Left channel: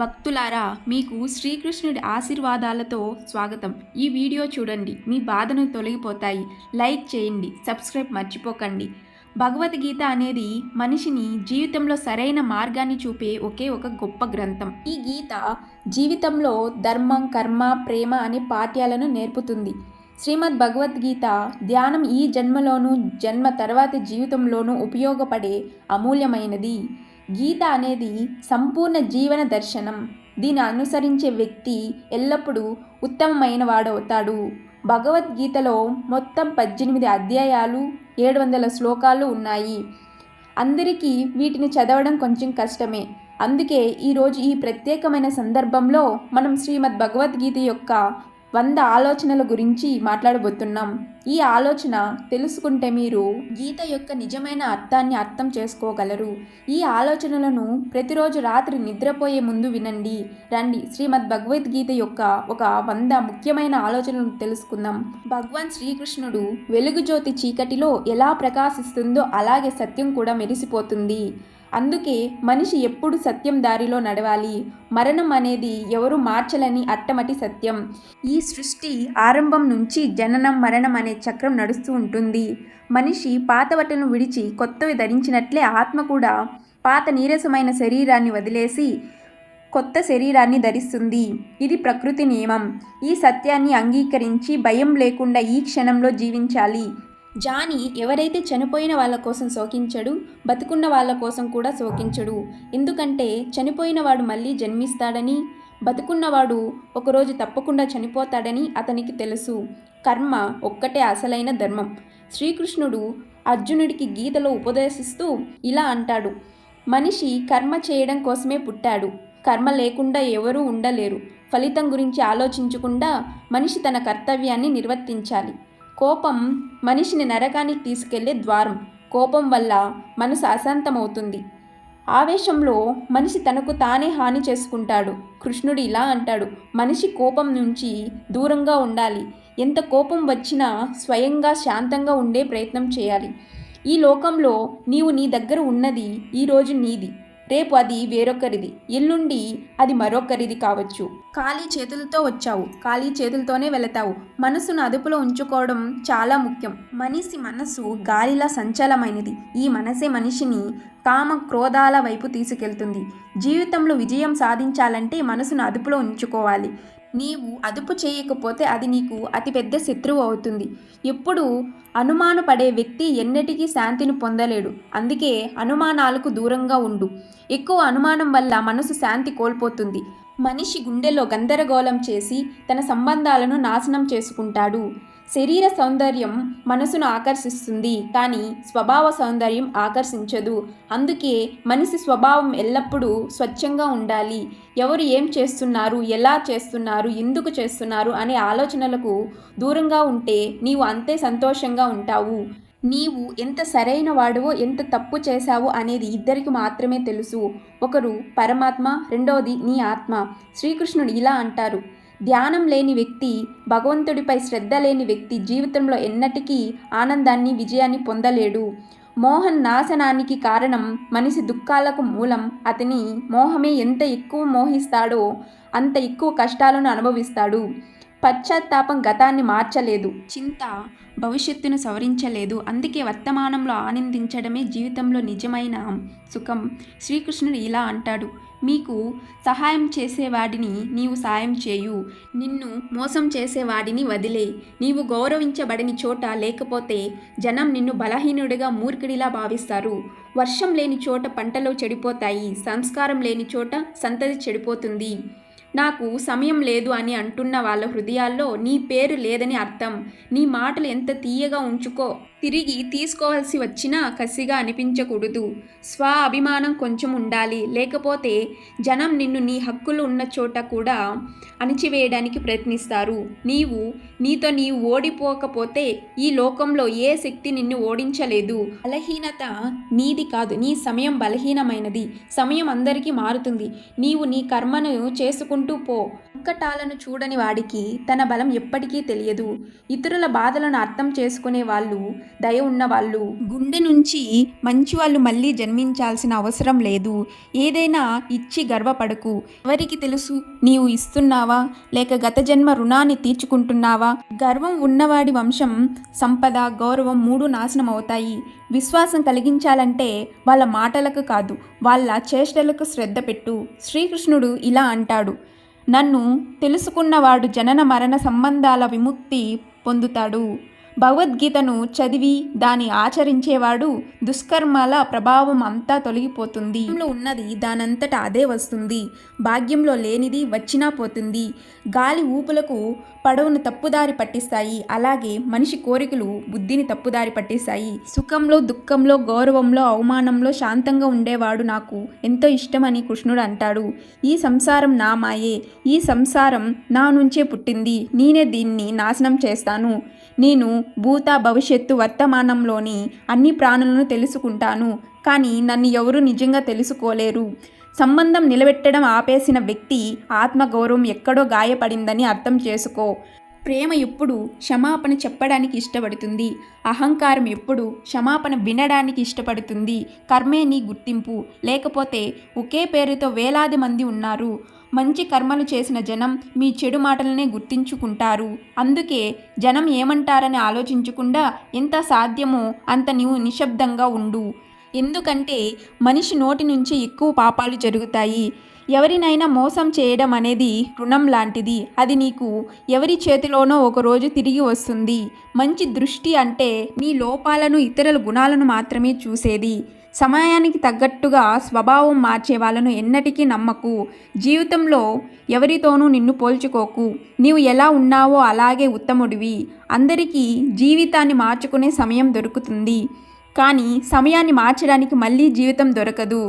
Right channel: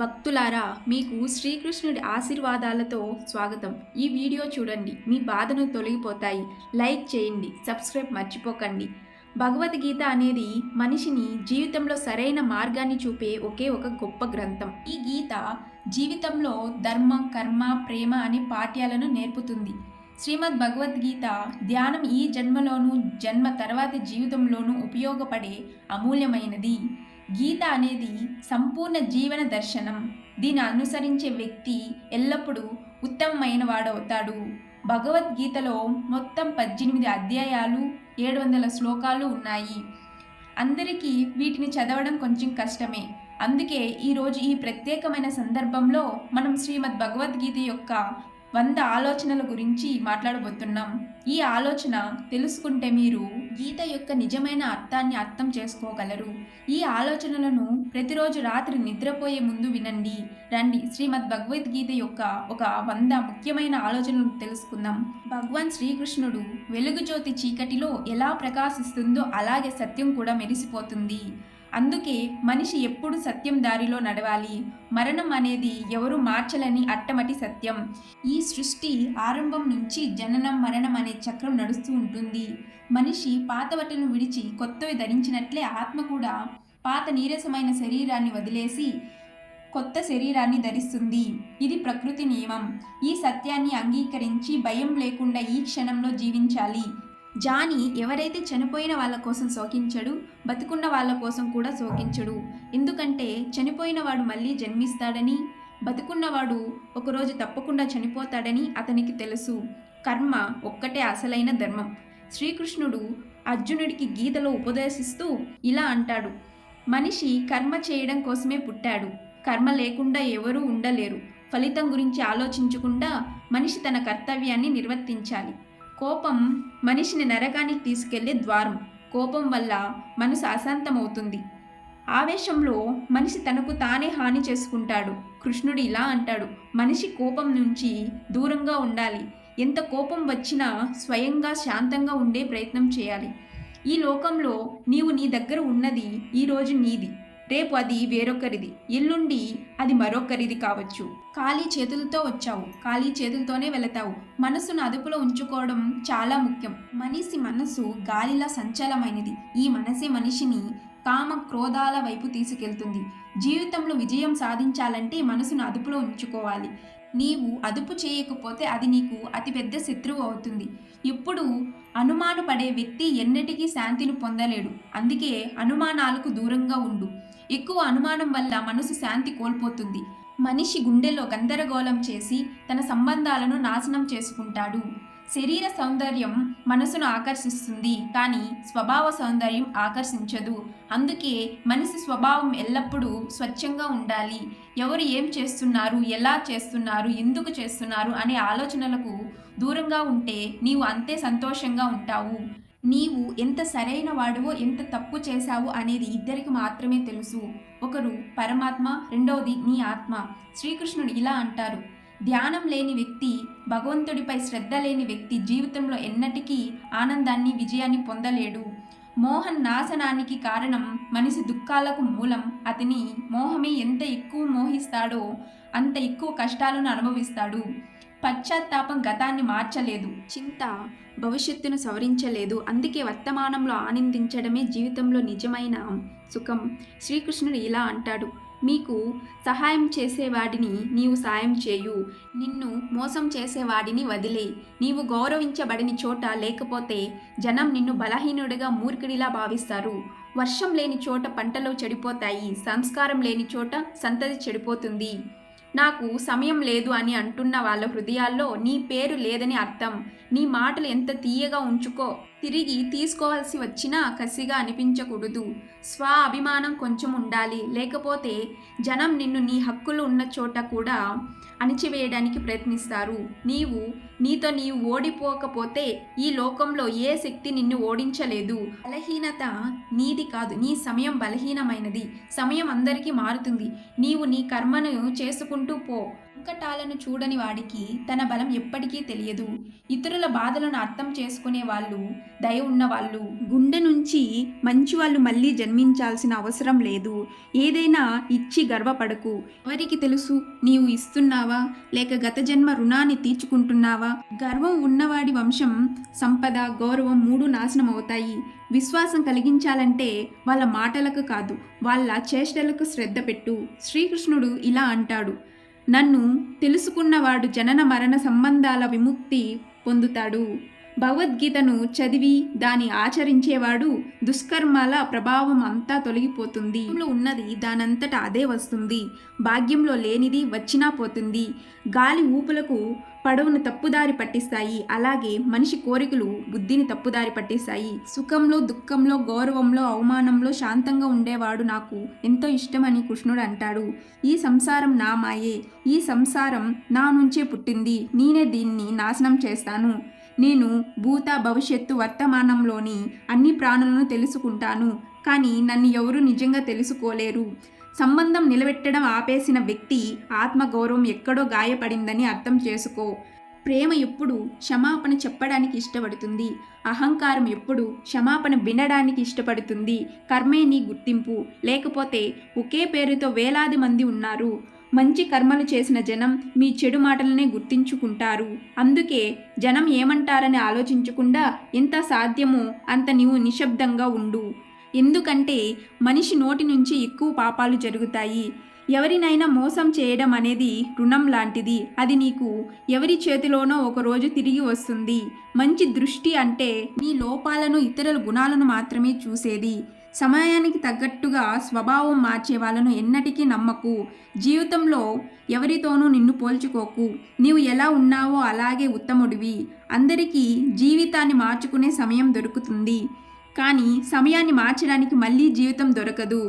భక్తులారా, మీకు శ్రీకృష్ణుడి ఆశీర్వాదాలతో స్వాగతం. ఈ వీడియో చూడండి, మీ బాధను తొలగిపోతాయి. లైక్ చేయండి, సబ్స్క్రైబ్ మర్చిపోకండి. భగవద్గీత అనేది మనిషిని జీవితంలో సరైన మార్గాన్ని చూపే ఒకే ఒక గొప్ప గ్రంథం. ఈ గీత జీవితంలో ధర్మం, కర్మ, ప్రేమ అనే పాఠ్యాలను నేర్పుతుంది. శ్రీమద్ భగవద్గీత ధ్యానం ఈ జన్మలోనూ, జన్మ తర్వాతి జీవితంలోనూ ఉపయోగపడే అమూల్యమైనది. గీత అనేది సంపూర్ణ జీవన దర్శనం. దీన్ని అనుసరించే వ్యక్తి ఎల్లప్పుడూ ఉత్తమమైన వాడవుతాడు. భగవద్గీతలో మొత్తం 18 అధ్యాయాలు, 700 శ్లోకాలు ఉన్నాయి. అందరికీ వీటిని చదవడం కొంచెం కష్టమే. అందుకే ఈరోజు ఈ ప్రత్యేకమైన సందర్భంలో మనం శ్రీమద్ భగవద్గీత యొక్క 100 ఆలోచనల గురించి మాట్లాడబోతున్నాం. ఈ ఆలోచన తెలుసుకుంటే మీరు గీత యొక్క నిజమైన అర్థాన్ని అర్థం చేసుకోగలరు. ఈ ఆలోచనలను ప్రతిరోజు రాత్రి నిద్రపోయే ముందు వినండి. రండి, శ్రీమద్ భగవద్గీత యొక్క ఒక 100 ముఖ్యమైన ఆలోచనలను తెలుసుకుందాం. భగవాన్ శ్రీకృష్ణుడు వెలుగు జ్యోతి చీకటిలో ఎలా ప్రకాశిస్తుందో అలాగే సత్యం కూడా మెరిసిపోతుంది. అందుకే మనిషి ఎప్పుడు సత్యం దారిలో నడవాలి. మరణం అనేది ఎవరు మార్చలేని అట్టమటి సత్యం. ఈ సృష్టి ఆరంభం నుంచి జననం, మరణం అనే చక్రం నడుస్తూ ఉంటుంది. మనిషి పాత బట్టలను విడిచి కొత్తవి ధరించినట్లే ఆత్మ కూడా పాత నీరసమైన శరీరాన్ని వదిలేసి కొత్త శరీరాన్ని ధరిస్తుంది. ఇది ప్రకృతి నియమం. ఈ సత్యాన్ని అంగీకరించి భయం లేకుండా ఈ క్షణంలో జీవించాలి. జానీ ఎవరైతే చనిపోయిన వాళ్ళ కోసం శోకించడు, బతుకున్న వాళ్ళ కోసం కూడా శోకించడు. ఎందుకంటే చనిపోయిన వాడు మళ్ళీ జన్మిస్తాడని, బతుకున్నవాడు ఒకరోజు తప్పకుండా చనిపోతాడని అతనికి తెలుసు. కర్మ ఒక్కటే అసలైన ధర్మం. శ్రీకృష్ణుడు అర్జునుడికి గీతలో ఉపదేశిస్తూ ఇలా అంటాడు: మనిషి కర్మ చేయడం కోసమే పుట్టాడు. కర్మ లేకుండా ఎవరూ ఉండలేరు. ఫలితం గురించి ఆలోచించకుండా మనిషి తన కర్తవ్యాన్ని నిర్వర్తించాలి. కోపం మనిషిని నరకానికి తీసుకెళ్లే ద్వారం. కోపం వల్ల మనసు అశాంతమవుతుంది. ఆవేశంలో మనిషి తనకు తానే హాని చేసుకుంటాడు. కృష్ణుడు ఇలా అంటాడు: మనిషి కోపం నుంచి దూరంగా ఉండాలి. ఎంత కోపం వచ్చినా స్వయంగా శాంతంగా ఉండే ప్రయత్నం చేయాలి. ఈ లోకంలో నీవు నీ దగ్గర ఉన్నది ఈరోజు నీది, రేపు అది వేరొకరిది, ఎల్లుండి అది మరొకరిది కావచ్చు. ఖాళీ చేతులతో వచ్చావు, ఖాళీ చేతులతోనే వెళతావు. మనసును అదుపులో ఉంచుకోవడం చాలా ముఖ్యం. మనిషి మనసు గాలిలా సంచలమైనది. ఈ మనసే మనిషిని కామ, క్రోధాల వైపు తీసుకెళ్తుంది. జీవితంలో విజయం సాధించాలంటే మనసును అదుపులో ఉంచుకోవాలి. నీవు అదుపు చేయకపోతే అది నీకు అతిపెద్ద శత్రువు అవుతుంది. ఎప్పుడు అనుమానపడే వ్యక్తి ఎన్నటికీ శాంతిని పొందలేడు. అందుకే అనుమానాలకు దూరంగా ఉండు. ఎక్కువ అనుమానం వల్ల మనసు శాంతి కోల్పోతుంది. మనిషి గుండెలో గందరగోళం చేసి తన సంబంధాలను నాశనం చేసుకుంటాడు. శరీర సౌందర్యం మనసును ఆకర్షిస్తుంది, కానీ స్వభావ సౌందర్యం ఆకర్షించదు. అందుకే మనిషి స్వభావం ఎల్లప్పుడూ స్వచ్ఛంగా ఉండాలి. ఎవరు ఏం చేస్తున్నారు, ఎలా చేస్తున్నారు, ఎందుకు చేస్తున్నారు అనే ఆలోచనలకు దూరంగా ఉంటే నీవు అంతే సంతోషంగా ఉంటావు. నీవు ఎంత సరైన వాడువో, ఎంత తప్పు చేశావో అనేది ఇద్దరికి మాత్రమే తెలుసు. ఒకరు పరమాత్మ, రెండవది నీ ఆత్మ. శ్రీకృష్ణుడు ఇలా అంటారు: ధ్యానం లేని వ్యక్తి, భగవంతుడిపై శ్రద్ధ లేని వ్యక్తి జీవితంలో ఎన్నటికీ ఆనందాన్ని, విజయాన్ని పొందలేడు. మోహన్ నాశనానికి కారణం, మనిషి దుఃఖాలకు మూలం. అతని మోహమే ఎంత ఎక్కువ మోహిస్తాడో అంత ఎక్కువ కష్టాలను అనుభవిస్తాడు. పశ్చాత్తాపం గతాన్ని మార్చలేదు, చింత భవిష్యత్తును సవరించలేదు. అందుకే వర్తమానంలో ఆనందించడమే జీవితంలో నిజమైన సుఖం. శ్రీకృష్ణుడు ఇలా అంటాడు: మీకు సహాయం చేసేవాడిని నీవు సాయం చేయు, నిన్ను మోసం చేసేవాడిని వదిలే. నీవు గౌరవించబడని చోట లేకపోతే జనం నిన్ను బలహీనుడిగా, మూర్ఖుడిలా భావిస్తారు. వర్షం లేని చోట పంటలు చెడిపోతాయి, సంస్కారం లేని చోట సంతతి చెడిపోతుంది. నాకు సమయం లేదు అని అంటున్న వాళ్ళ హృదయాల్లో నీ పేరు లేదని అర్థం. నీ మాటలు ఎంత తీయగా ఉంచుకో, తిరిగి తీసుకోవాల్సి వచ్చినా కసిగా అనిపించకూడదు. స్వ అభిమానం కొంచెం ఉండాలి, లేకపోతే జనం నిన్ను నీ హక్కులు ఉన్న చోట కూడా అణిచివేయడానికి ప్రయత్నిస్తారు. నీతో నీవు ఓడిపోకపోతే ఈ లోకంలో ఏ శక్తి నిన్ను ఓడించలేదు. బలహీనత నీది కాదు, నీ సమయం బలహీనమైనది. సమయం అందరికీ మారుతుంది. నీవు నీ కర్మను చేసుకుంటూ పో. సంకటాలను చూడని వాడికి తన బలం ఎప్పటికీ తెలియదు. ఇతరుల బాధలను అర్థం చేసుకునే వాళ్ళు దయ ఉన్నవాళ్ళు. గుండె నుంచి మంచి వాళ్ళు మళ్ళీ జన్మించాల్సిన అవసరం లేదు. ఏదైనా ఇచ్చి గర్వపడకు. ఎవరికి తెలుసు నీవు ఇస్తున్నావా లేక గత జన్మ రుణాన్ని తీర్చుకుంటున్నావా? గర్వం ఉన్నవాడి వంశం, సంపద, గౌరవం 3 నాశనం అవుతాయి. విశ్వాసం కలిగించాలంటే వాళ్ళ మాటలకు కాదు, వాళ్ళ చేష్టలకు శ్రద్ధ పెట్టు. శ్రీకృష్ణుడు ఇలా అంటాడు, నన్ను తెలుసుకున్నవాడు జనన మరణ సంబంధాల విముక్తి పొందుతాడు. భగవద్గీతను చదివి దాన్ని ఆచరించేవాడు దుష్కర్మల ప్రభావం అంతా తొలగిపోతుంది. ఉన్నది దానంతట అదే వస్తుంది. భాగ్యంలో లేనిది వచ్చినా పోతుంది. గాలి ఊపులకు పడవను తప్పుదారి పట్టిస్తాయి. అలాగే మనిషి కోరికలు బుద్ధిని తప్పుదారి పట్టిస్తాయి. సుఖంలో, దుఃఖంలో, గౌరవంలో, అవమానంలో శాంతంగా ఉండేవాడు నాకు ఎంతో ఇష్టమని కృష్ణుడు అంటాడు. ఈ సంసారం నా మాయే. ఈ సంసారం నా నుంచే పుట్టింది. నేనే దీన్ని నాశనం చేస్తాను. నేను భూత, భవిష్యత్తు, వర్తమానంలోని అన్ని ప్రాణులను తెలుసుకుంటాను. కానీ నన్ను ఎవరూ నిజంగా తెలుసుకోలేరు. సంబంధం నిలబెట్టడం ఆపేసిన వ్యక్తి ఆత్మగౌరవం ఎక్కడో గాయపడిందని అర్థం చేసుకో. ప్రేమ ఎప్పుడు క్షమాపణ చెప్పడానికి ఇష్టపడుతుంది. అహంకారం ఎప్పుడు క్షమాపణ వినడానికి ఇష్టపడుతుంది. కర్మే నీ గుర్తింపు. లేకపోతే ఒకే పేరుతో వేలాది మంది ఉన్నారు. మంచి కర్మలు చేసిన జనం మీ చెడు మాటలనే గుర్తించుకుంటారు. అందుకే జనం ఏమంటారని ఆలోచించకుండా ఎంత సాధ్యమో అంత నీవు నిశ్శబ్దంగా ఉండు. ఎందుకంటే మనిషి నోటి నుంచి ఎక్కువ పాపాలు జరుగుతాయి. ఎవరినైనా మోసం చేయడం అనేది రుణం లాంటిది. అది నీకు ఎవరి చేతిలోనో ఒకరోజు తిరిగి వస్తుంది. మంచి దృష్టి అంటే నీ లోపాలను, ఇతరుల గుణాలను మాత్రమే చూసేది. సమయానికి తగ్గట్టుగా స్వభావం మార్చే వాళ్ళను ఎన్నటికీ నమ్మకు. జీవితంలో ఎవరితోనూ నిన్ను పోల్చుకోకు. నీవు ఎలా ఉన్నావో అలాగే ఉత్తముడివి. అందరికీ జీవితాన్ని మార్చుకునే సమయం దొరుకుతుంది, కానీ సమయాన్ని మార్చడానికి మళ్ళీ జీవితం దొరకదు.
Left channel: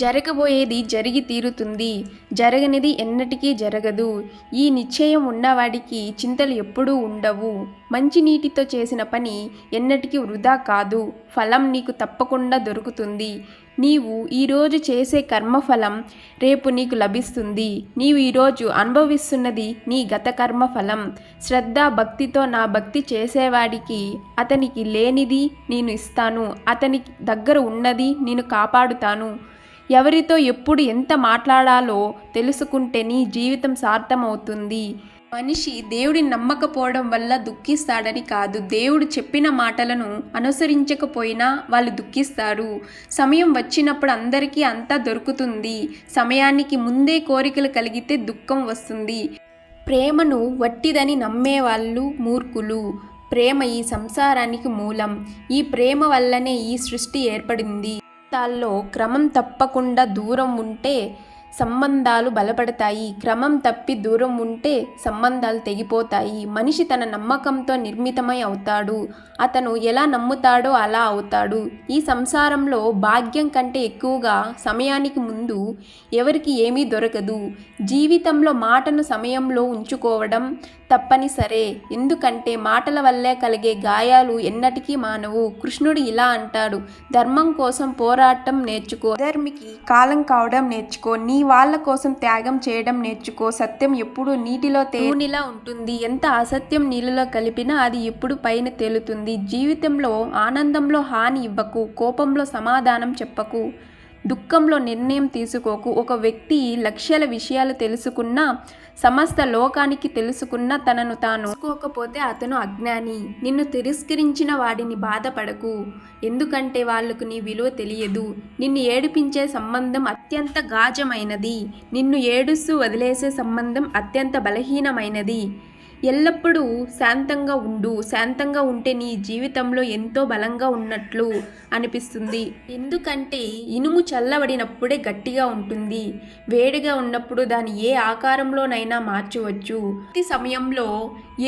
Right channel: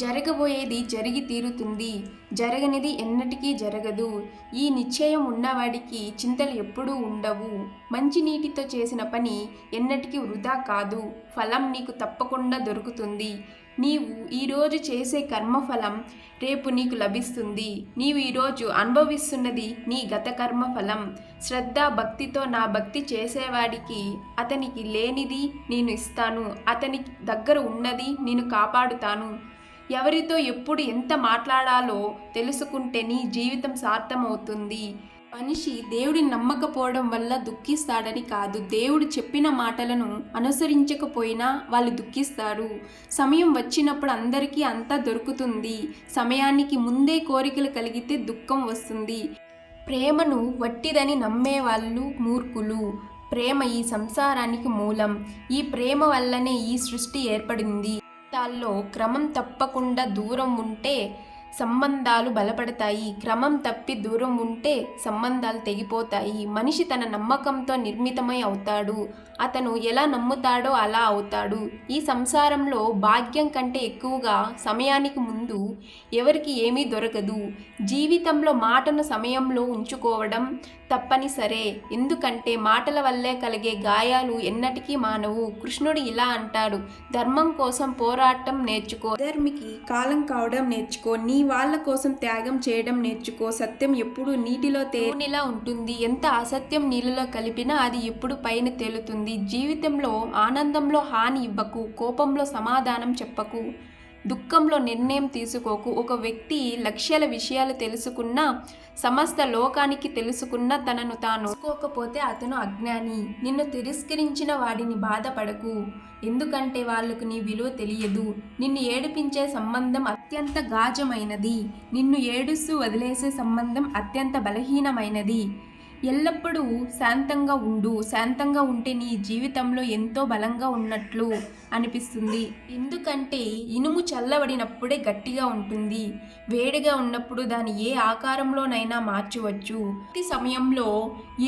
జరగబోయేది జరిగి తీరుతుంది, జరగనిది ఎన్నటికీ జరగదు. ఈ నిశ్చయం ఉన్నవాడికి చింతలు ఎప్పుడూ ఉండవు. మంచి నీటితో చేసిన పని ఎన్నటికీ వృధా కాదు. ఫలం నీకు తప్పకుండా దొరుకుతుంది. నీవు ఈరోజు చేసే కర్మఫలం రేపు నీకు లభిస్తుంది. నీవు ఈరోజు అనుభవిస్తున్నది నీ గత కర్మఫలం. శ్రద్ధ, భక్తితో నా భక్తి చేసేవాడికి అతనికి లేనిది నేను ఇస్తాను. అతని దగ్గర ఉన్నది నేను కాపాడుతాను. ఎవరితో ఎప్పుడు ఎంత మాట్లాడాలో తెలుసుకుంటే నీ జీవితం సార్థమవుతుంది. మనిషి దేవుడిని నమ్మకపోవడం వల్ల దుఃఖిస్తాడని కాదు, దేవుడు చెప్పిన మాటలను అనుసరించకపోయినా వాళ్ళు దుఃఖిస్తారు. సమయం వచ్చినప్పుడు అందరికీ అంతా దొరుకుతుంది. సమయానికి ముందే కోరికలు కలిగితే దుఃఖం వస్తుంది. ప్రేమను వట్టిదని నమ్మేవాళ్ళు మూర్ఖులు. ప్రేమ ఈ సంసారానికి మూలం. ఈ ప్రేమ వల్లనే ఈ సృష్టి ఏర్పడింది. జీవితాల్లో క్రమం తప్పకుండా దూరం ఉంటే సంబంధాలు బలపడతాయి. క్రమం తప్పి దూరం ఉంటే సంబంధాలు తెగిపోతాయి. మనిషి తన నమ్మకంతో నిర్మితమై అవుతాడు. అతను ఎలా నమ్ముతాడో అలా అవుతాడు. ఈ సంసారంలో భాగ్యం కంటే ఎక్కువగా సమయానికి ముందు ఎవరికి ఏమీ దొరకదు. జీవితంలో మాటను సమయంలో ఉంచుకోవడం తప్పనిసరే. ఎందుకంటే మాటల వల్లే కలిగే గాయాలు ఎన్నటికీ మానవు. కృష్ణుడు ఇలా అంటాడు, ధర్మం కోసం పోరాటం నేర్చుకో, ధర్మికి కాలం కావడం నేర్చుకో, నీ వాళ్ళ కోసం త్యాగం చేయడం నేర్చుకో. సత్యం ఎప్పుడు నీటిలో తేనెలా ఉంటుంది. ఎంత అసత్యం నీళ్ళలో కలిపినా అది ఎప్పుడు పైన తేలుతుంది. జీవితంలో ఆనందంలో హాని ఇవ్వకు, కోపంలో సమాధానం చెప్పకు, దుఃఖంలో నిర్ణయం తీసుకోకు. ఒక వ్యక్తి లక్ష్యాల విషయాలు తెలుసుకున్నా, సమస్త లోకానికి తెలుసుకున్నా తనను తాను తెలుసుకోకపోతే అతను అజ్ఞాని. నిన్ను తిరస్కరించిన వాడిని బాధపడకు, ఎందుకంటే వాళ్లకు నీ విలువ తెలియదు. నిన్ను ఏడిపించే సంబంధం అత్యంత గాజమైనది. నిన్ను ఏడుస్తూ వదిలేసే సంబంధం అత్యంత బలహీనమైనది. ఎల్లప్పుడూ శాంతంగా ఉండు. శాంతంగా ఉంటే నీ జీవితంలో ఎంతో బలంగా ఉన్నట్లు అనిపిస్తుంది. ఎందుకంటే ఇనుము చల్లబడినప్పుడే గట్టిగా ఉంటుంది. వేడిగా ఉన్నప్పుడు దాన్ని ఏ ఆకారంలోనైనా మార్చవచ్చు. ప్రతి సమయంలో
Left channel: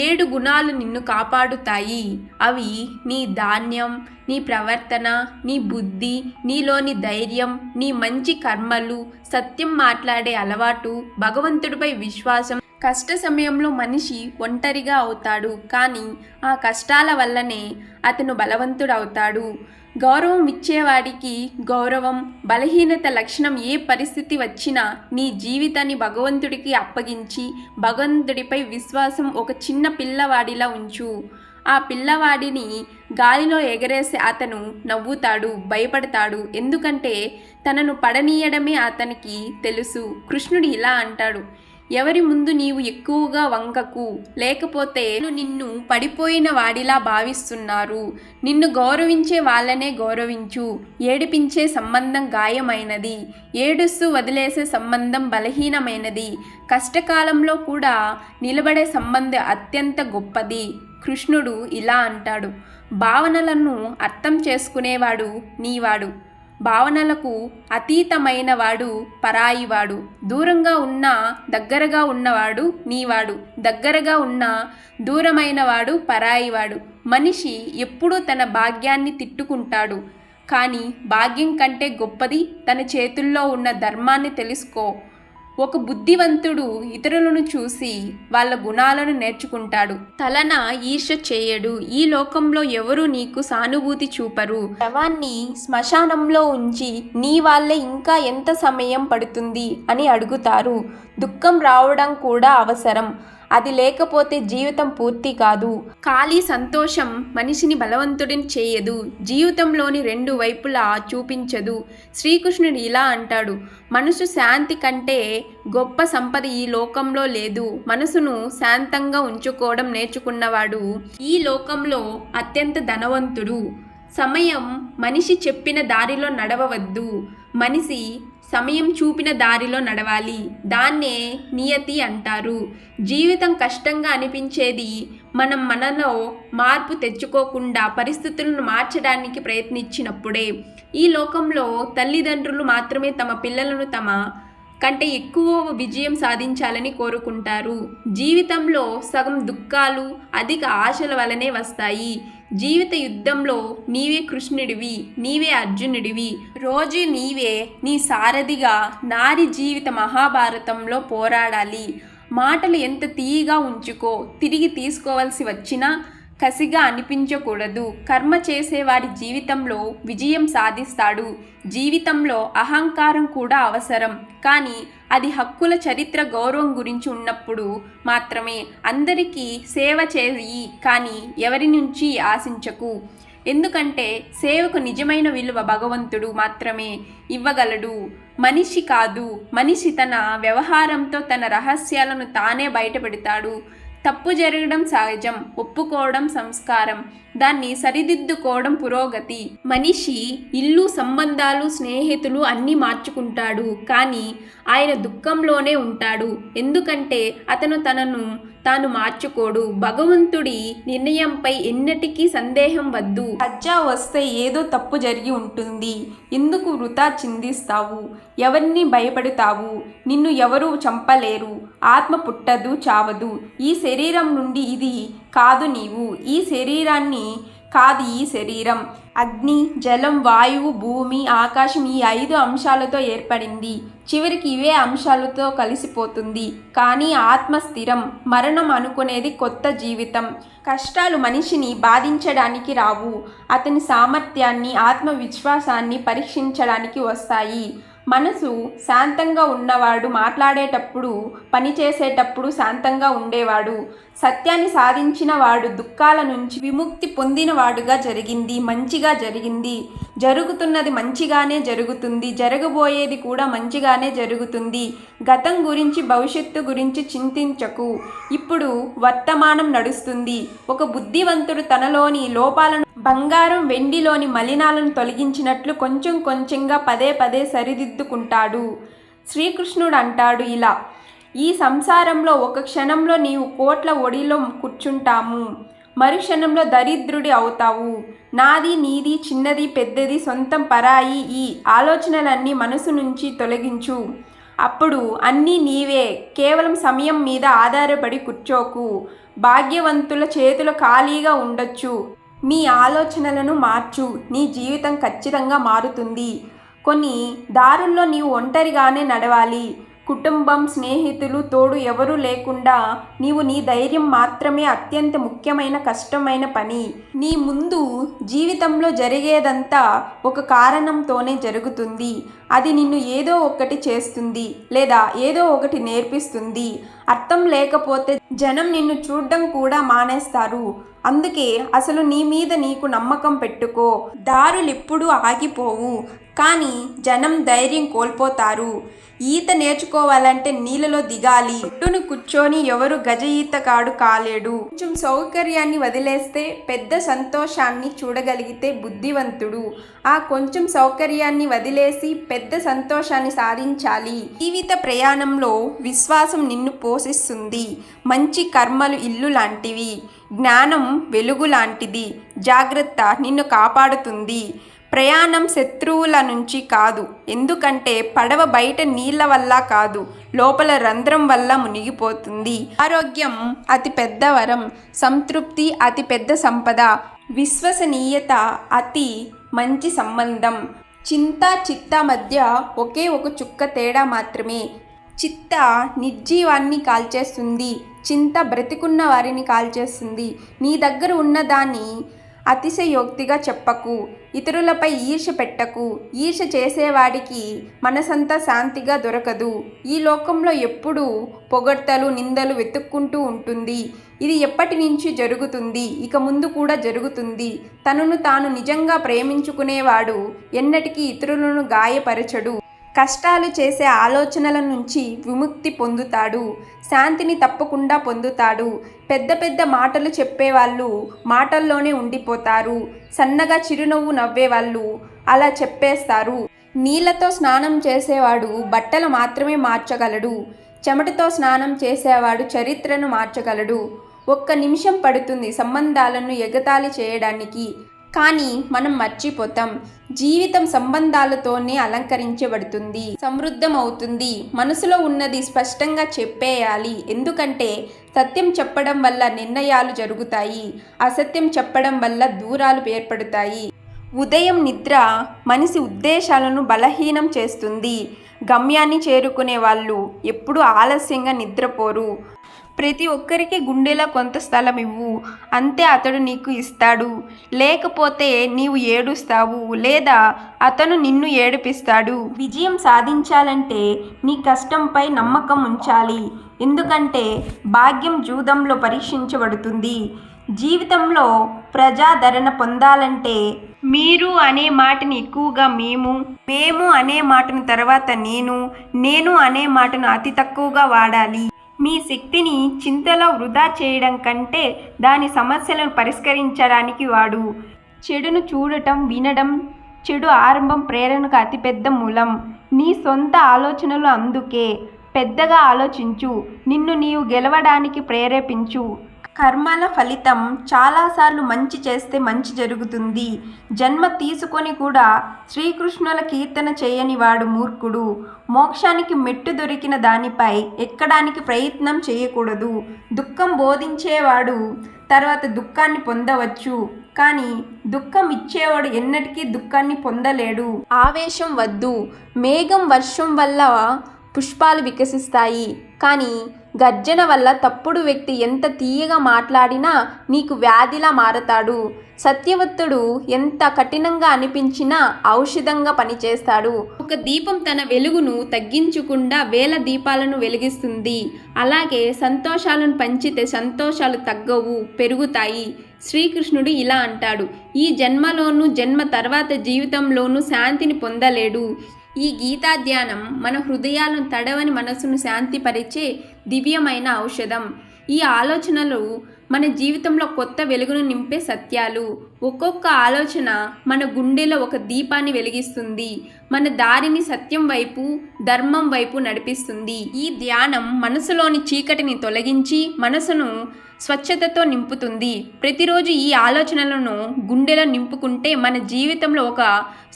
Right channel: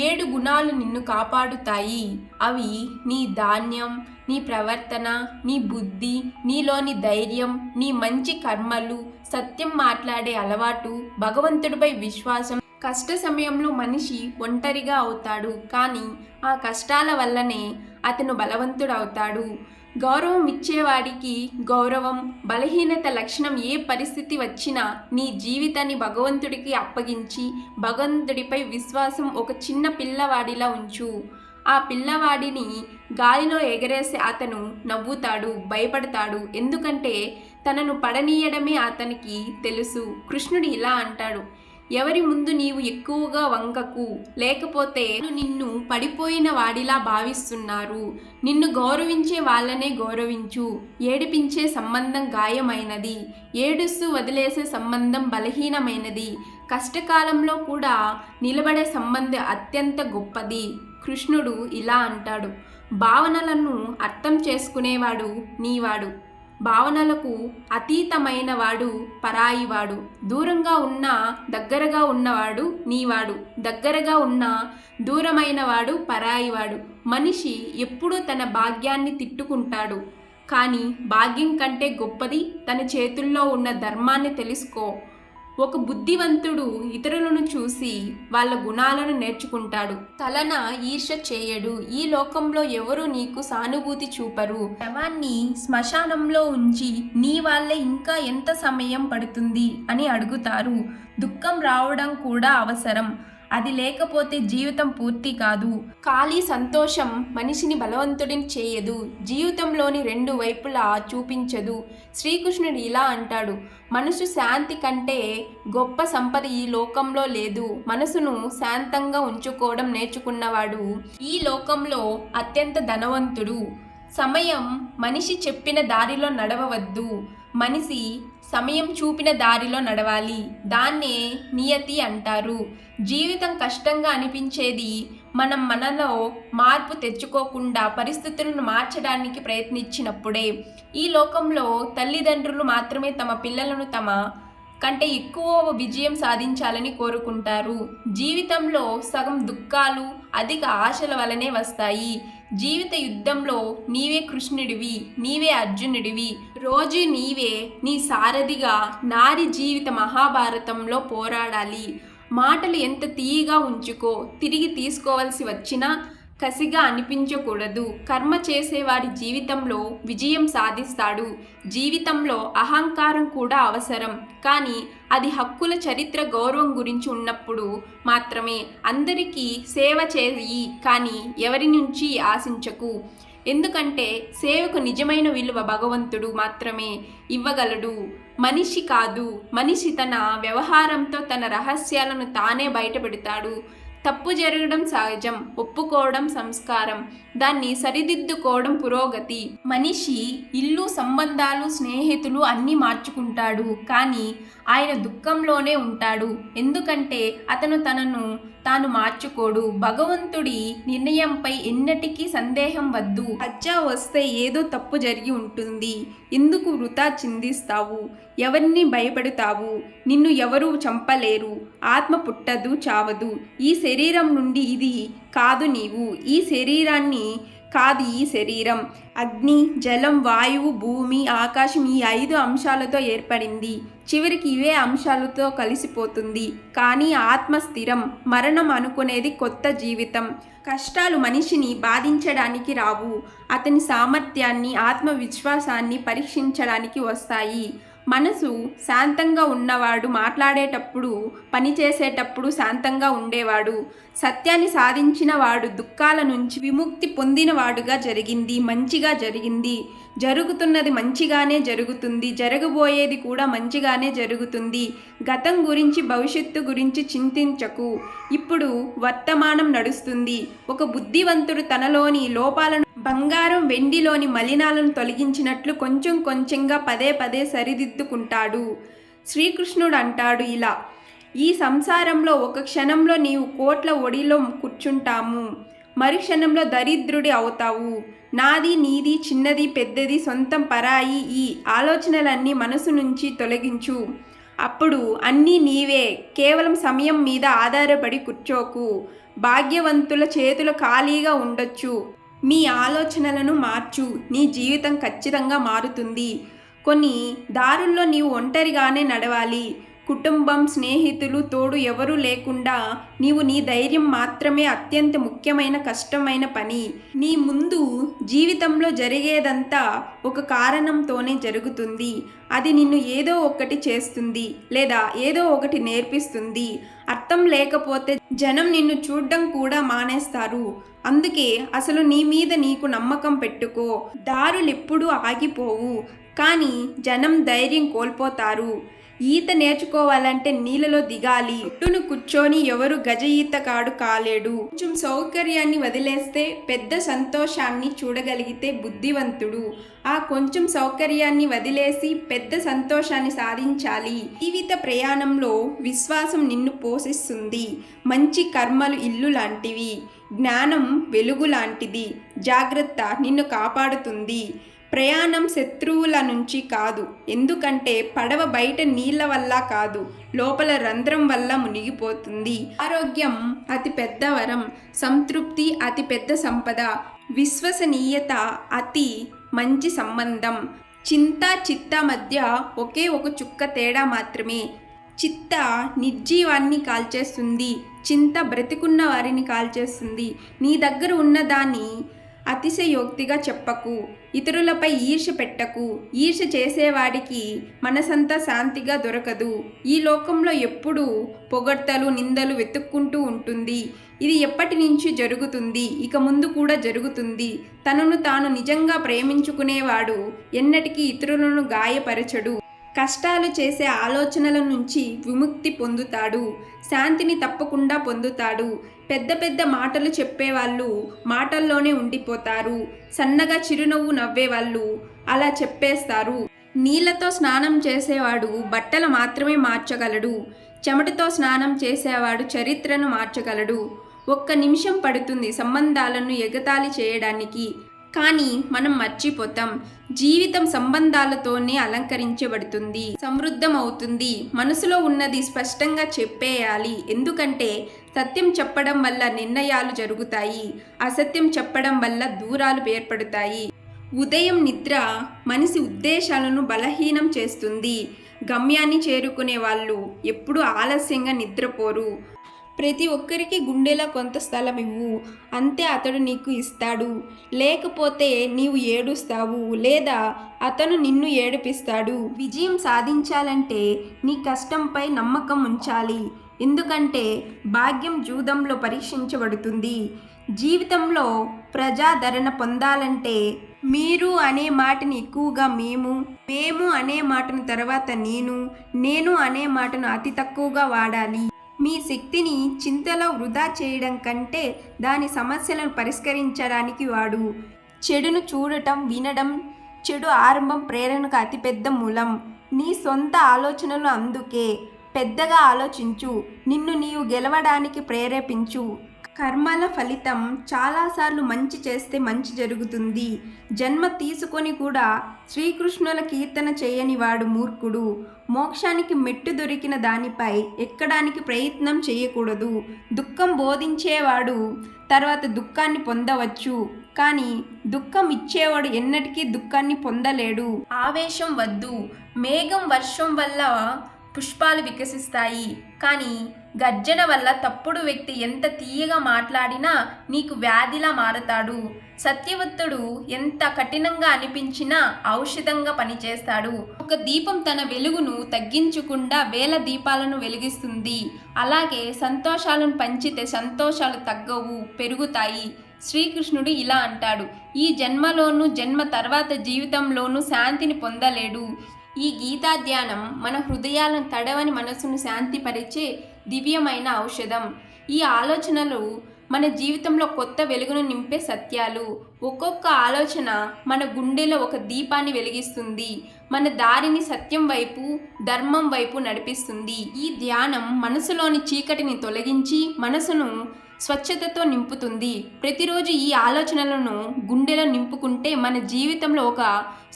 7 గుణాలు నిన్ను కాపాడుతాయి. అవి నీ ధాన్యం, నీ ప్రవర్తన, నీ బుద్ధి, నీలోని ధైర్యం, నీ మంచి కర్మలు, సత్యం మాట్లాడే అలవాటు, భగవంతుడిపై విశ్వాసం. కష్ట సమయంలో మనిషి ఒంటరిగా అవుతాడు, కానీ ఆ కష్టాల వల్లనే అతను బలవంతుడవుతాడు. గౌరవం ఇచ్చేవాడికి గౌరవం. బలహీనత లక్షణం. ఏ పరిస్థితి వచ్చినా నీ జీవితాన్ని భగవంతుడికి అప్పగించి భగవంతుడిపై విశ్వాసం ఒక చిన్న పిల్లవాడిలా ఉంచు. ఆ పిల్లవాడిని గాలిలో ఎగరేసి అతను నవ్వుతాడు, భయపడతాడు. ఎందుకంటే తనను పడనీయడమే అతనికి తెలుసు. కృష్ణుడు ఇలా అంటాడు, ఎవరి ముందు నీవు ఎక్కువగా వంగకు, లేకపోతే నిన్ను పడిపోయిన వాడిలా భావిస్తున్నారు. నిన్ను గౌరవించే వాళ్ళనే గౌరవించు. ఏడిపించే సంబంధం గాయమైనది, ఏడుస్తూ వదిలేసే సంబంధం బలహీనమైనది, కష్టకాలంలో కూడా నిలబడే సంబంధం అత్యంత గొప్పది. కృష్ణుడు ఇలా అంటాడు, భావనలను అర్థం చేసుకునేవాడు నీవాడు, భావనలకు అతీతమైన వాడు పరాయివాడు. దూరంగా ఉన్న దగ్గరగా ఉన్నవాడు నీవాడు, దగ్గరగా ఉన్న దూరమైన వాడు పరాయివాడు. మనిషి ఎప్పుడూ తన భాగ్యాన్ని తిట్టుకుంటాడు, కానీ భాగ్యం కంటే గొప్పది తన చేతుల్లో ఉన్న ధర్మాన్ని తెలుసుకో. ఒక బుద్ధివంతుడు ఇతరులను చూసి వాళ్ళ గుణాలను నేర్చుకుంటాడు, తలన ఈర్ష్య చేయడు. ఈ లోకంలో ఎవరు నీకు సానుభూతి చూపరు. శవాన్ని శ్మశానంలో ఉంచి నీ వాళ్ళే ఇంకా ఎంత సమయం పడుతుంది అని అడుగుతారు. దుఃఖం రావడం కూడా అవసరం, అది లేకపోతే జీవితం పూర్తి కాదు. ఖాళీ సంతోషం మనిషిని బలవంతుడిని చేయదు, జీవితంలోని రెండు వైపులా చూపించదు. శ్రీకృష్ణుడు ఇలా అంటాడు, మనసు శాంతి కంటే గొప్ప సంపద ఈ లోకంలో లేదు. మనసును శాంతంగా ఉంచుకోవడం నేర్చుకున్నవాడు ఈ లోకంలో అత్యంత ధనవంతుడు. సమయం మనిషి చెప్పిన దారిలో నడవవద్దు, మనిషి సమయం చూపిన దారిలో నడవాలి. దాన్నే నియతి అంటారు. జీవితం కష్టంగా అనిపించేది మనం మనలో మార్పు తెచ్చుకోకుండా పరిస్థితులను మార్చడానికి ప్రయత్నించినప్పుడే. ఈ లోకంలో తల్లిదండ్రులు మాత్రమే తమ పిల్లలను తమ కంటే ఎక్కువ విజయం సాధించాలని కోరుకుంటారు. జీవితంలో సగం దుఃఖాలు అధిక ఆశల వలనే వస్తాయి. జీవిత యుద్ధంలో నీవే కృష్ణుడివి, నీవే అర్జునుడివి. రోజు నీవే నీ సారథిగా నారి జీవిత మహాభారతంలో పోరాడాలి. మాటలు ఎంత తీయగా ఉంచుకో, తిరిగి తీసుకోవాల్సి వచ్చినా కసిగా అనిపించకూడదు. కర్మ చేసేవాడి జీవితంలో విజయం సాధిస్తాడు. జీవితంలో అహంకారం కూడా అవసరం, కానీ అది హక్కుల చరిత్ర గౌరవం గురించి ఉన్నప్పుడు మాత్రమే. అందరికీ సేవ చేయి, కానీ ఎవరి నుంచి ఆశించకు. ఎందుకంటే సేవకు నిజమైన విలువ భగవంతుడు మాత్రమే ఇవ్వగలడు, మనిషి కాదు. మనిషి తన వ్యవహారంతో తన రహస్యాలను తానే బయటపెడతాడు. తప్పు జరగడం సహజం, ఒప్పుకోవడం సంస్కారం, దాన్ని సరిదిద్దుకోవడం పురోగతి. మనిషి ఇల్లు, సంబంధాలు, స్నేహితులు అన్నీ మార్చుకుంటాడు, కానీ ఆయన దుఃఖంలోనే ఉంటాడు. ఎందుకంటే అతను తనను తాను మార్చుకోడు. భగవంతుడి నిర్ణయంపై ఎన్నటికీ సందేహం వద్దు. లజ్జా వస్తే ఏదో తప్పు జరిగి ఉంటుంది. ఎందుకు వృథా చిందిస్తావు? ఎవరిని భయపడతావు? నిన్ను ఎవరూ చంపలేరు. ఆత్మ పుట్టదు, చావదు. ఈ శరీరం నుండి ఇది కాదు నీవు, ఈ శరీరాన్ని కాదు ఈ శరీరం. అగ్ని, జలం, వాయువు, భూమి, ఆకాశం ఈ 5 అంశాలతో ఏర్పడింది. చివరికి ఇవే అంశాలతో కలిసిపోతుంది. కానీ ఆత్మ స్థిరం. మరణం అనుకునేది కొత్త జీవితం. కష్టాలు మనిషిని బాధించడానికి రావు, అతని సామర్థ్యాన్ని, ఆత్మవిశ్వాసాన్ని పరీక్షించడానికి వస్తాయి. మనసు శాంతంగా ఉన్నవాడు మాట్లాడేటప్పుడు, పనిచేసేటప్పుడు శాంతంగా ఉండేవాడు. సత్యాన్ని సాధించిన వాడు దుఃఖాల నుంచి విముక్తి పొందినవాడుగా జరిగింది, మంచిగా జరిగింది. జరుగుతున్నది మంచిగానే జరుగుతుంది, జరగబోయేది కూడా మంచిగానే జరుగుతుంది. గతం గురించి, భవిష్యత్తు గురించి చింతించకు. ఇప్పుడు వర్తమానం నడుస్తుంది. ఒక బుద్ధివంతుడు తనలోని లోపాలను బంగారం, వెండిలోని మలినాలను తొలగించినట్లు కొంచెం కొంచెంగా పదే పదే సరిదిద్దుకుంటాడు. శ్రీకృష్ణుడు అంటాడు ఇలా, ఈ సంసారంలో ఒక క్షణంలో నీవు కోట్ల ఒడిలో కూర్చుంటాము, మరుక్షణంలో దరిద్రుడి అవుతావు. నాది, నీది, చిన్నది, పెద్దది, సొంతం, పరాయి ఈ ఆలోచనలన్నీ మనసు నుంచి తొలగించు. అప్పుడు అన్నీ నీవే. కేవలం సమయం మీద ఆధారపడి కూర్చోకు. భాగ్యవంతుల చేతులు ఖాళీగా ఉండొచ్చు. మీ ఆలోచనలను మార్చు, నీ జీవితం ఖచ్చితంగా మారుతుంది. కొన్ని దారుల్లో నీవు ఒంటరిగానే నడవాలి, కుటుంబం, స్నేహితులు తోడు ఎవరూ లేకుండా నీవు నీ ధైర్యం మాత్రమే అత్యంత ముఖ్యమైన కష్టమైన పని. నీ ముందు జీవితంలో జరిగేదంతా ఒక కారణంతోనే జరుగుతుంది. అది నిన్ను ఏదో ఒకటి చేస్తుంది లేదా ఏదో ఒకటి నేర్పిస్తుంది. అర్థం లేకపోతే జనం నిన్ను చూడడం కూడా మానేస్తారు. అందుకే అసలు నీ మీద నీకు నమ్మకం పెట్టుకో. దారులెప్పుడూ ఆగిపోవు, కానీ జనం ధైర్యం కోల్పోతారు. ఈత నేర్చుకోవాలంటే నీళ్ళలో దిగాలి. ఒడ్డును కూర్చొని ఎవరు గజ ఈతగాడు కాలేడు. కొంచెం సౌకర్యాన్ని వదిలేస్తే పెద్ద సంతోషాన్ని చూడగలిగితే బుద్ధివంతుడు. ఆ కొంచెం సౌకర్యాన్ని వదిలేసి పెద్ద సంతోషాన్ని సాధించాలి. జీవిత ప్రయాణంలో విశ్వాసం నిన్ను పోషిస్తుంది. మంచి కర్మలు ఇల్లు లాంటివి, జ్ఞానం వెలుగు లాంటిది. జాగ్రత్త నిన్ను కాపాడుతుంది. ప్రయాణం శత్రువుల నుంచి కాదు, ఎందుకంటే పడవ బయట నీళ్ల వల్ల కాదు, లోపల రంధ్రం వల్ల మునిగిపోతుంది. ఆరోగ్యం అతి పెద్ద వరం, సంతృప్తి అతి పెద్ద సంపద, విశ్వసనీయత అతి మంచి సంబంధం. చింత చిత్త మధ్య ఒకే ఒక చుక్క తేడా మాత్రమే. చిత్త నిర్జీవాన్ని కాల్చేస్తుంది, చింత బ్రతికున్న వారిని కాల్చేస్తుంది. నీ దగ్గర ఉన్నదాన్ని అతిశయోక్తిగా చెప్పకు. ఇతరులపై ఈర్ష్య పెట్టకు. ఈర్ష్య చేసేవాడికి మనసంతా శాంతిగా దొరకదు. ఈ లోకంలో ఎప్పుడూ పొగడ్తలు, నిందలు వెతుక్కుంటూ ఉంటుంది. ఇది ఎప్పటి నుంచి జరుగుతుంది, ఇక ముందు కూడా జరుగుతుంది. తనను తాను నిజంగా ప్రేమించుకునేవాడు ఎన్నటికీ ఇతరులను గాయపరచడు. కష్టాలు చేసే ఆలోచనల నుంచి విముక్తి పొందుతాడు. శాంతిని తప్పకుండా పొందుతాడు. పెద్ద పెద్ద మాటలు చెప్పేవాళ్ళు మాటల్లోనే ఉండిపోతారు. సన్నగా చిరునవ్వు నవ్వేవాళ్ళు అలా చెప్పేస్తారు. నీళ్లతో స్నానం చేసేవాడు బట్టలు మాత్రమే మార్చగలడు. చెమటతో స్నానం చేసేవాడు చరిత్రను మార్చగలడు. ఒక్క నిమిషం పడుతుంది సంబంధాలను ఎగతాళి చేయడానికి, కానీ మనం మర్చిపోతాం. జీవితం సంబంధాలతోనే అలంకరించబడుతుంది, సమృద్ధం అవుతుంది. మనసులో ఉన్నది స్పష్టంగా చెప్పేయాలి, ఎందుకంటే సత్యం చెప్పడం వల్ల నిర్ణయాలు జరుగుతాయి, అసత్యం చెప్పడం వల్ల దూరాలు ఏర్పడతాయి. ఉదయం నిద్ర మనిషి ఉద్దేశాలను బలహీనం చేస్తుంది. గమ్యాన్ని చేరుకునే వాళ్ళు ఎప్పుడూ ఆలస్యంగా నిద్రపోరు. ప్రతి ఒక్కరికి గుండెలో కొంత స్థలం ఇవ్వు, అంతే అతడు నీకు ఇస్తాడు. లేకపోతే నీవు ఏడుస్తావు లేదా అతను నిన్ను ఏడిపిస్తాడు. విజయం సాధించాలంటే నీ కష్టంపై నమ్మకం ఉంచాలి, ఎందుకంటే భాగ్యం జూదంలో పరీక్షించబడుతుంది. జీవితంలో ప్రజాదరణ పొందాలంటే మీరు అనే మాటని ఎక్కువగా మేము అనే మాటను తర్వాత నేను అనే మాటను అతి తక్కువగా వాడాలి. మీ శక్తిని చింతలో వృధా చేయడం కంటే దాని సమస్యలను పరిష్కరించడానికి వాడు. చెడును చూడటం, వినడం, చెడు ఆరంభం ప్రేరణకు అతిపెద్ద మూలం. నీ సొంత ఆలోచనలు అందుకే. పెద్దగా ఆలోచించు, నిన్ను నీవు గెలవడానికి ప్రేరేపించు. కర్మల ఫలితం చాలాసార్లు మంచి చేస్తే మంచి జరుగుతుంది. జన్మ తీసుకొని కూడా శ్రీకృష్ణుల కీర్తన చేయని వాడు మూర్ఖుడు. మోక్షానికి మెట్టు దొరికిన దానిపై ఎక్కడానికి ప్రయత్నం చేయకూడదు. దుఃఖం బోధించేవాడు తర్వాత దుఃఖాన్ని పొందవచ్చు, కానీ దుఃఖం ఇచ్చేవాడు ఎన్నటికీ దుఃఖాన్ని పొందలేడు. ఆవేశం వద్దు. మేఘం వర్షం వల్ల పుష్పాలు వికసిస్తాయి, కానీ గర్జన వల్ల తప్పుడు వ్యక్తి ఎంత తీయగా మాట్లాడినా నీకు వ్యాధిలా మారతాడు. సత్యవంతుడు ఎంత కఠినంగా అనిపించినా ఔషధంగా పనిచేస్తాడు. ఒక దీపం తన వెలుగును తగ్గించకుండా వేల దీపాలను వెలిగిస్తుంది. అలాగే సంతోషాలను పంచితే సంతోషాలు తగ్గవు, పెరుగుతాయి. శ్రీకృష్ణుడు ఇలా అంటాడు, ఈ జన్మలోనూ జన్మ తర్వాత జీవితంలోనూ శాంతిని పొందలేడు. ఈ గీతా ధ్యానం మన హృదయాలను తడవని మనసును శాంతిపరిచే దివ్యమైన ఔషధం. ఈ ఆలోచనలు మన జీవితంలో కొత్త వెలుగును నింపే సత్యాలు. ఒక్కొక్క ఆలోచన మన గుండెలో ఒక దీపాన్ని వెలిగిస్తుంది, మన దారిని సత్యం వైపు, ధర్మం వైపు నడిపిస్తుంది. ఈ ధ్యానం మనసులోని చీకటిని తొలగించి మనసును స్వచ్ఛతతో నింపుతుంది. ప్రతిరోజు ఈ ఆలోచనలను గుండెలో నింపుకుంటే మన జీవితంలో ఒక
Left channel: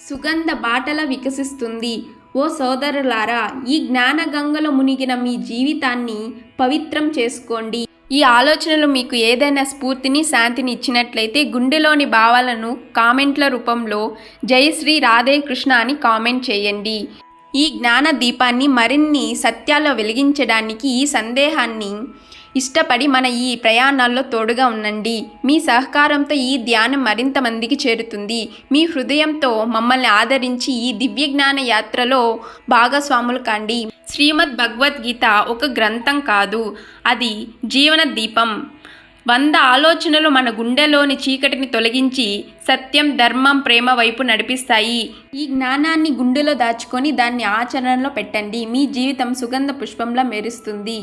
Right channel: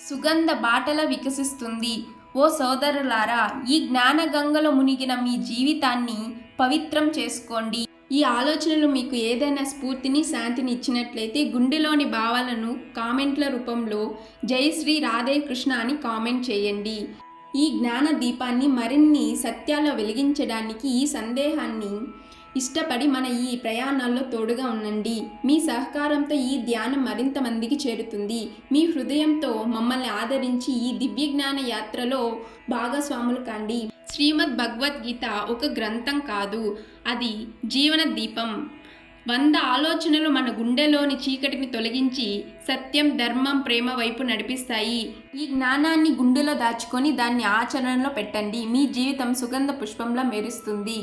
సుగంధ బాటల వికసిస్తుంది. ఓ సోదరులారా, ఈ జ్ఞానగంగలో మునిగిన మీ జీవితాన్ని పవిత్రం చేసుకోండి. ఈ ఆలోచనలు మీకు ఏదైనా స్ఫూర్తిని, శాంతిని ఇచ్చినట్లయితే గుండెలోని భావాలను కామెంట్ల రూపంలో జై శ్రీ రాధే కృష్ణ అని కామెంట్ చేయండి. ఈ జ్ఞాన దీపాన్ని మరిన్ని సత్యాల్లో వెలిగించడానికి ఈ సందేహాన్ని ఇష్టపడి మన ఈ ప్రయాణాల్లో తోడుగా ఉండండి. మీ సహకారంతో ఈ ధ్యానం మరింత మందికి చేరుతుంది. మీ హృదయంతో మమ్మల్ని ఆదరించి ఈ దివ్య జ్ఞాన యాత్రలో భాగస్వాములు కాండి. శ్రీమద్ భగవద్గీత ఒక గ్రంథం కాదు, అది జీవన దీపం. 100 ఆలోచనలు మన గుండెలోని చీకటిని తొలగించి సత్యం, ధర్మం, ప్రేమ వైపు నడిపిస్తాయి. ఈ జ్ఞానాన్ని గుండెలో దాచుకొని దాన్ని ఆచరణలో పెట్టండి. మీ జీవితం సుగంధ పుష్పంలా మెరుస్తుంది.